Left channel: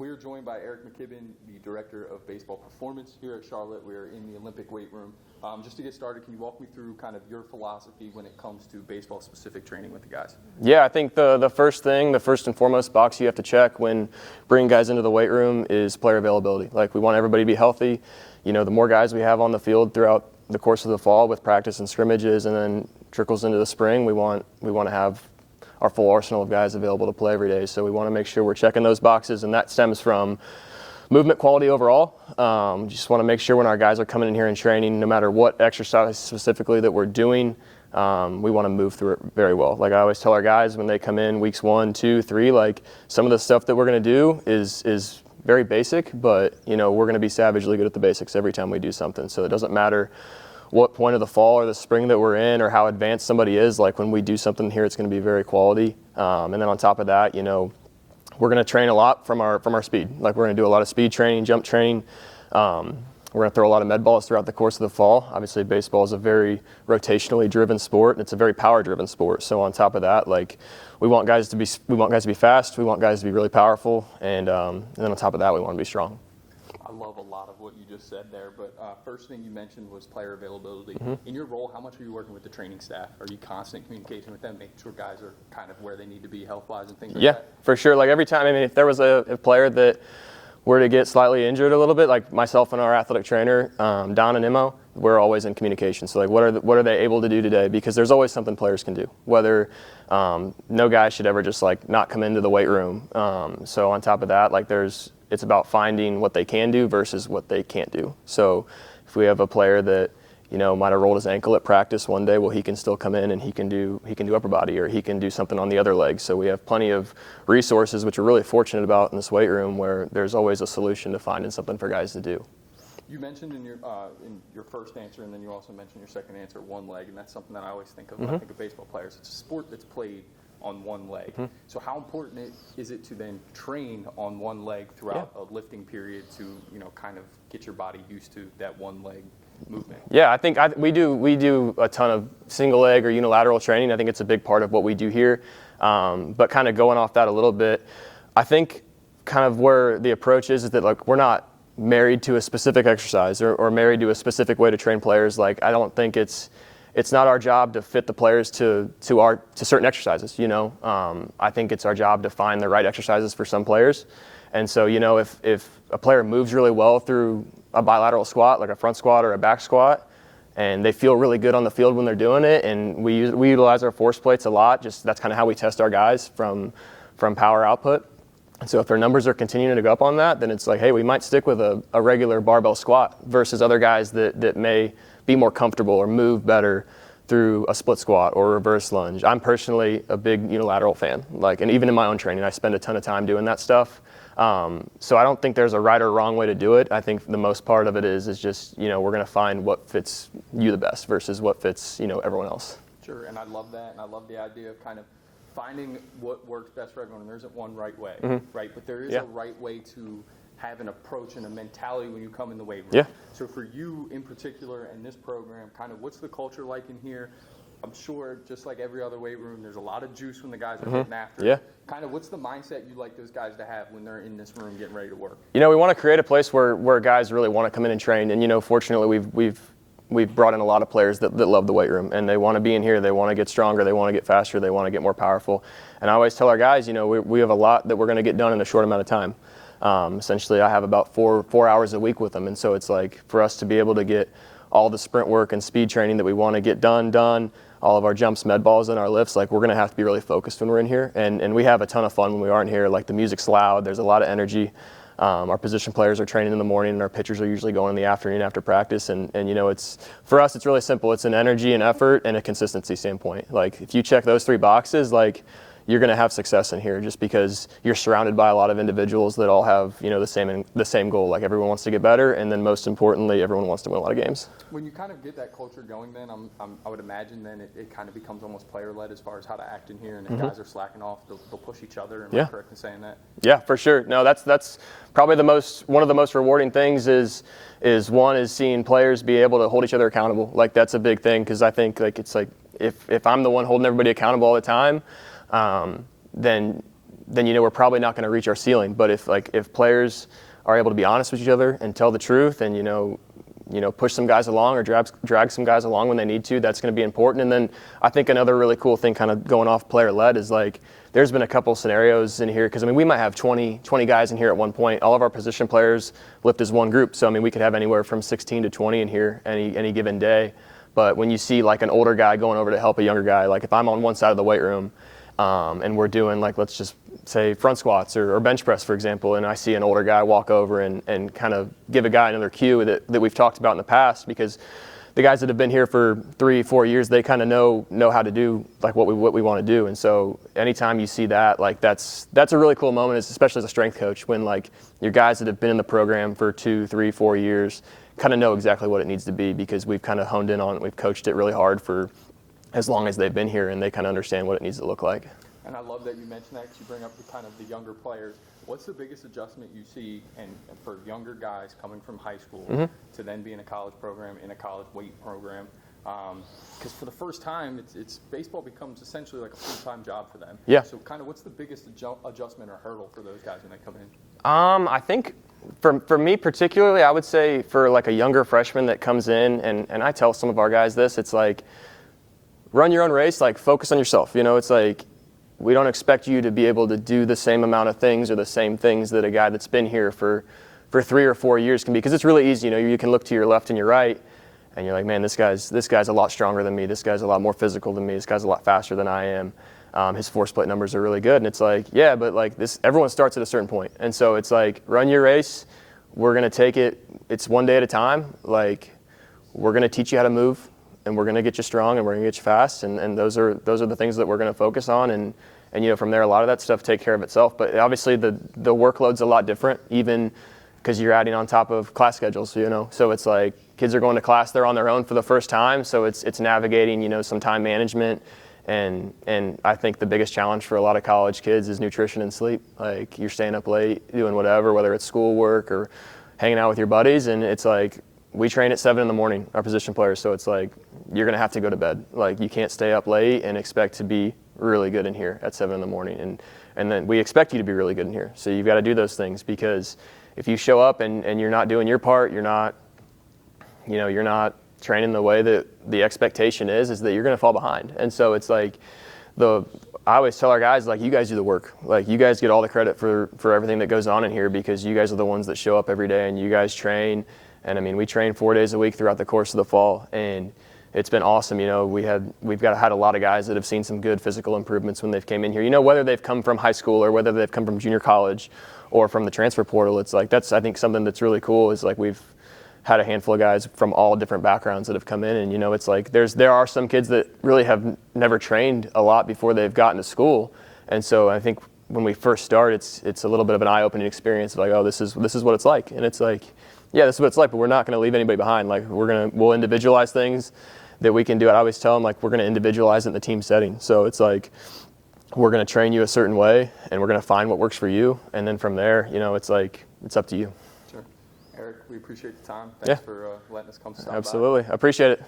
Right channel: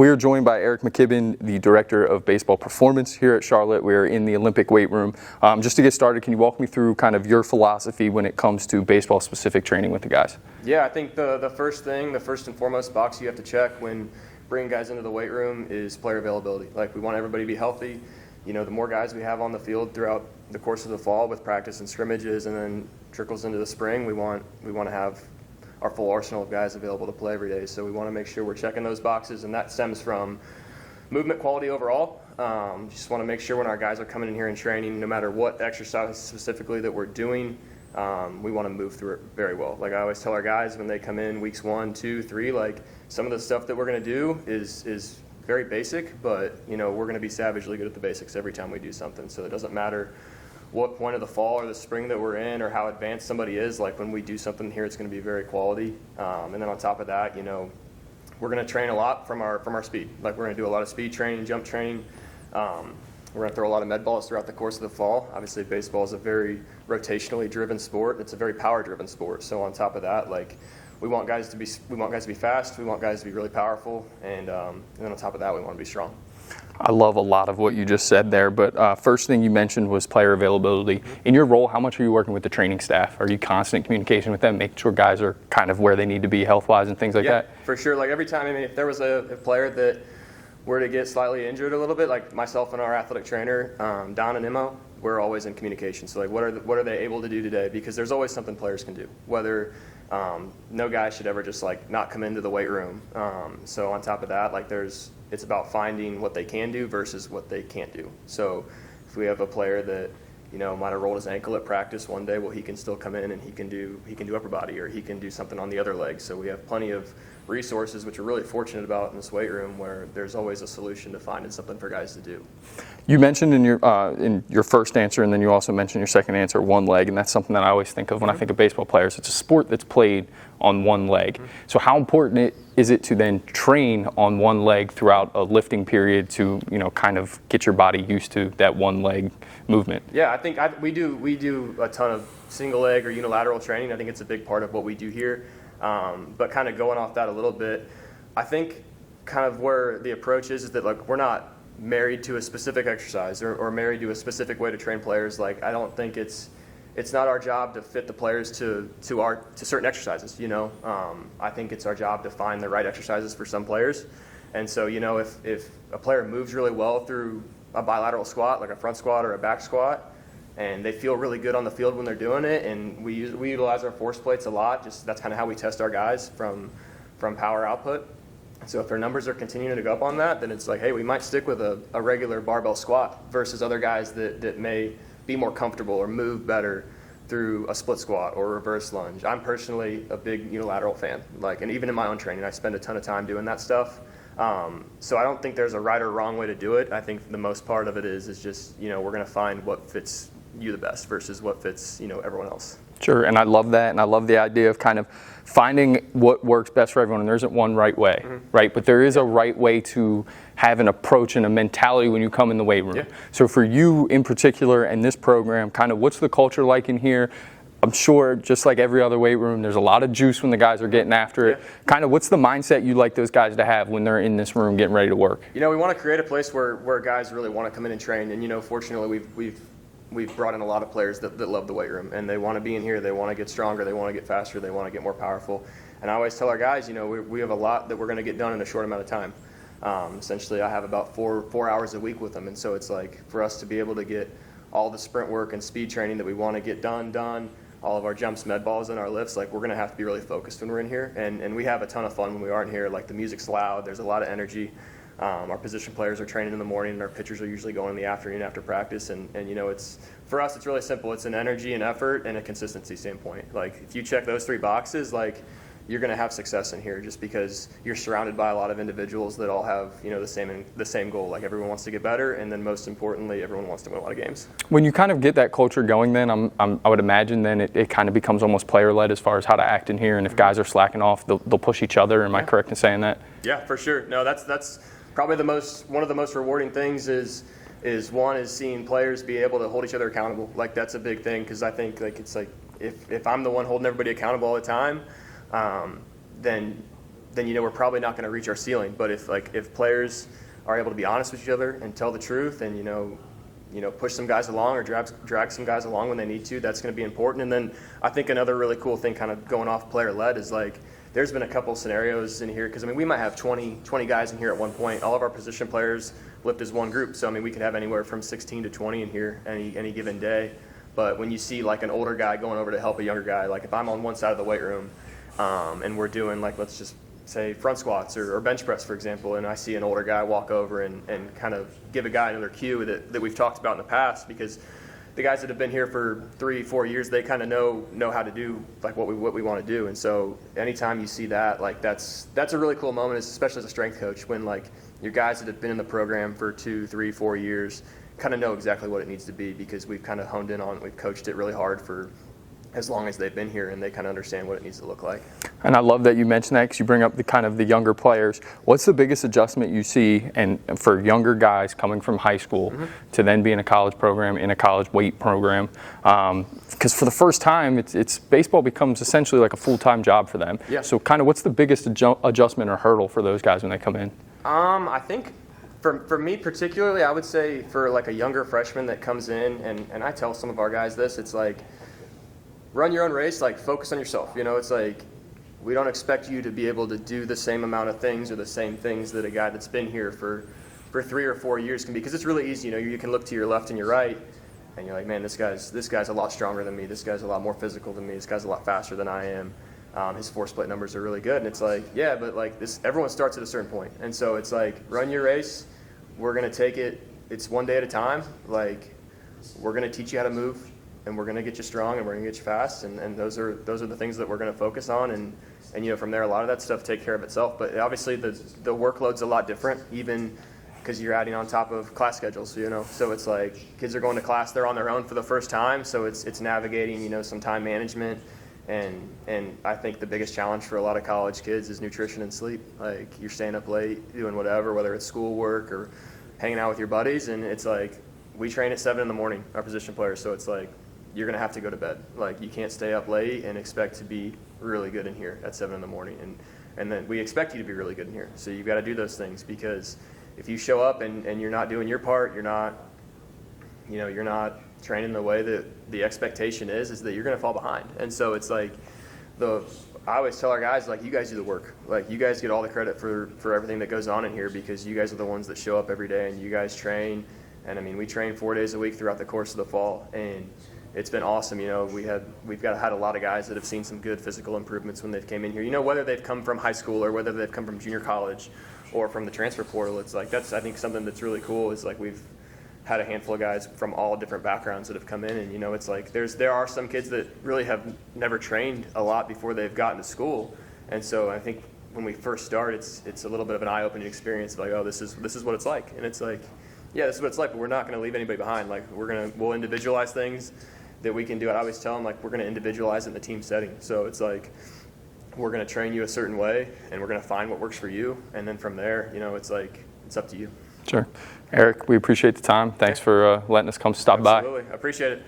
We are joined by Eric McKibben, the Director of Baseball Performance here at Charlotte. We are in the Olympic weight room. Just to get started, can you walk me through kind of your philosophy when it comes to baseball-specific training with the guys? Yeah, I think the first and foremost box you have to check when bringing guys into the weight room is player availability. Like, we want everybody to be healthy. You know, the more guys we have on the field throughout the course of the fall with practice and scrimmages, and then trickles into the spring, we want to have our full arsenal of guys available to play every day. So we want to make sure we're checking those boxes, and that stems from movement quality overall. Just want to make sure when our guys are coming in here and training, no matter what exercise specifically that we're doing, we want to move through it very well. Like I always tell our guys when they come in weeks 1, 2, 3, like some of the stuff that we're going to do is very basic, but you know, we're going to be savagely good at the basics every time we do something. So it doesn't matter what point of the fall or the spring that we're in or how advanced somebody is. Like when we do something here, it's going to be very quality. And then on top of that, you know, we're going to train a lot from our speed. Like we're going to do a lot of speed training, jump training. We're going to throw a lot of med balls throughout the course of the fall. Obviously, baseball is a very rotationally driven sport. It's a very power-driven sport. So on top of that, like we want guys to be fast. We want guys to be really powerful, and then on top of that, we want to be strong. I love a lot of what you just said there, but first thing you mentioned was player availability. Mm-hmm. In your role, how much are you working with the training staff? Are you constant communication with them, making sure guys are kind of where they need to be health-wise and things like that? Yeah, for sure. Like every time, I mean, if there was a player that were to get slightly injured a little bit, like myself and our athletic trainer, Don and Imo, we're always in communication. So like, what are they able to do today? Because there's always something players can do. Whether no guy should ever just like not come into the weight room. So on top of that, like it's about finding what they can do versus what they can't do. So if we have a player that, you know, might have rolled his ankle at practice one day, well, he can still come in and he can do upper body, or he can do something on the other leg. So we have plenty of resources, which we're really fortunate about in this weight room, where there's always a solution to finding something for guys to do. You mentioned in your first answer, and then you also mentioned your second answer, one leg, and that's something that I always think of when I think of baseball players. It's a sport that's played on one leg. Mm-hmm. So how important is it to then train on one leg throughout a lifting period to, you know, kind of get your body used to that one leg movement? Yeah, I think we do a ton of single leg or unilateral training. I think it's a big part of what we do here. But kind of going off that a little bit, I think kind of where the approach is that like we're not married to a specific exercise or married to a specific way to train players. Like I don't think it's not our job to fit the players to certain exercises, you know. I think it's our job to find the right exercises for some players. And so, you know, if a player moves really well through a bilateral squat, like a front squat or a back squat, and they feel really good on the field when they're doing it, and we utilize our force plates a lot, just that's kind of how we test our guys from power output. And so if their numbers are continuing to go up on that, then it's like, hey, we might stick with a regular barbell squat versus other guys that may be more comfortable or move better through a split squat or reverse lunge. I'm personally a big unilateral fan, and even in my own training, I spend a ton of time doing that stuff. So I don't think there's a right or wrong way to do it. I think the most part of it is just, you know, we're going to find what fits you the best versus what fits, you know, everyone else. Sure, and I love that, and I love the idea of kind of finding what works best for everyone. And there isn't one right way, mm-hmm. right? But there is a right way to have an approach and a mentality when you come in the weight room. Yeah. So for you in particular and this program, kind of what's the culture like in here? I'm sure just like every other weight room, there's a lot of juice when the guys are mm-hmm. getting after it. Kind of what's the mindset you like those guys to have when they're in this room getting ready to work? You know, we want to create a place where guys really want to come in and train. And, you know, fortunately we've brought in a lot of players that love the weight room, and they want to be in here. They want to get stronger. They want to get faster. They want to get more powerful. And I always tell our guys, you know, we have a lot that we're going to get done in a short amount of time. Essentially, I have about four hours a week with them, and so it's like for us to be able to get all the sprint work and speed training that we want to get done, all of our jumps, med balls, and our lifts, like we're going to have to be really focused when we're in here. And we have a ton of fun when we aren't here. Like the music's loud. There's a lot of energy. Our position players are training in the morning, and our pitchers are usually going in the afternoon after practice. And you know, for us, it's really simple. It's an energy and effort and a consistency standpoint. Like if you check those three boxes, like you're going to have success in here just because you're surrounded by a lot of individuals that all have, you know, the same goal. Like everyone wants to get better, and then most importantly, everyone wants to win a lot of games. When you kind of get that culture going, then I would imagine then it kind of becomes almost player-led as far as how to act in here. And if mm-hmm. guys are slacking off, they'll push each other. Am I correct in saying that? Yeah, for sure. No, that's probably one of the most rewarding things is seeing players be able to hold each other accountable. Like that's a big thing, because I think like it's like if I'm the one holding everybody accountable all the time, then then we're probably not going to reach our ceiling. But if players are able to be honest with each other and tell the truth, and push some guys along or drag some guys along when they need to, that's going to be important. And then I think another really cool thing, kind of going off player led, is like there's been a couple scenarios in here, because we might have 20 guys in here at one point. All of our position players lift as one group, so we could have anywhere from 16 to 20 in here any given day. But when you see like an older guy going over to help a younger guy, like if I'm on one side of the weight room and we're doing, like, let's just say front squats or bench press, for example, and I see an older guy walk over and kind of give a guy another cue that we've talked about in the past, because the guys that have been here for 3-4 years, they kind of know how to do like what we want to do. And so anytime you see that, like that's a really cool moment, especially as a strength coach, when like your guys that have been in the program for 2, 3, 4 years kind of know exactly what it needs to be, because we've kind of honed in on it. We've coached it really hard for as long as they've been here, and they kind of understand what it needs to look like. And I love that you mentioned that, because you bring up the younger players. What's the biggest adjustment you see and for younger guys coming from high school to then be in a college program, in a college weight program? Because for the first time, it's baseball becomes essentially like a full-time job for them. Yeah. So kind of what's the biggest adjustment or hurdle for those guys when they come in? I think for me particularly, I would say for like a younger freshman that comes in, and I tell some of our guys this, it's like, run your own race, like focus on yourself. It's like, we don't expect you to be able to do the same amount of things or the same things that a guy that's been here for 3 or 4 years can be, because it's really easy. You can look to your left and your right, and you're like, man, this guy's a lot stronger than me. This guy's a lot more physical than me. This guy's a lot faster than I am. His force plate numbers are really good, and it's like, yeah, but like this, everyone starts at a certain point, and so it's like, run your race. We're gonna take it. It's one day at a time. Like, we're gonna teach you how to move, and we're going to get you strong, and we're going to get you fast, and those are the things that we're going to focus on, and from there, a lot of that stuff take care of itself. But obviously the workload's a lot different, even because you're adding on top of class schedules, so it's like kids are going to class, they're on their own for the first time, so it's navigating some time management, and I think the biggest challenge for a lot of college kids is nutrition and sleep. Like, you're staying up late doing whatever, whether it's schoolwork or hanging out with your buddies, and it's like, we train at 7 in the morning, our position players, so it's like, you're going to have to go to bed. Like, you can't stay up late and expect to be really good in here at 7 in the morning. And then we expect you to be really good in here. So you've got to do those things, because if you show up and you're not doing your part, you're not training the way that the expectation is that you're going to fall behind. And so it's like, I always tell our guys, like, you guys do the work. Like, you guys get all the credit for everything that goes on in here, because you guys are the ones that show up every day, and you guys train. And we train 4 days a week throughout the course of the fall, and it's been awesome. We've had a lot of guys that have seen some good physical improvements when they've came in here. Whether they've come from high school or whether they've come from junior college or from the transfer portal, it's like, that's, I think, something that's really cool, is like we've had a handful of guys from all different backgrounds that have come in, and it's like there are some kids that really have never trained a lot before they've gotten to school, and so I think when we first start, it's a little bit of an eye-opening experience of like, oh, this is what it's like, and it's like, yeah, this is what it's like, but we're not going to leave anybody behind. Like, we'll individualize things that we can do. I always tell them, like, we're going to individualize it in the team setting. So it's like, we're going to train you a certain way, and we're going to find what works for you, and then from there, it's like, it's up to you. Sure. Eric, we appreciate the time. Thanks for letting us come stop by. Absolutely. I appreciate it.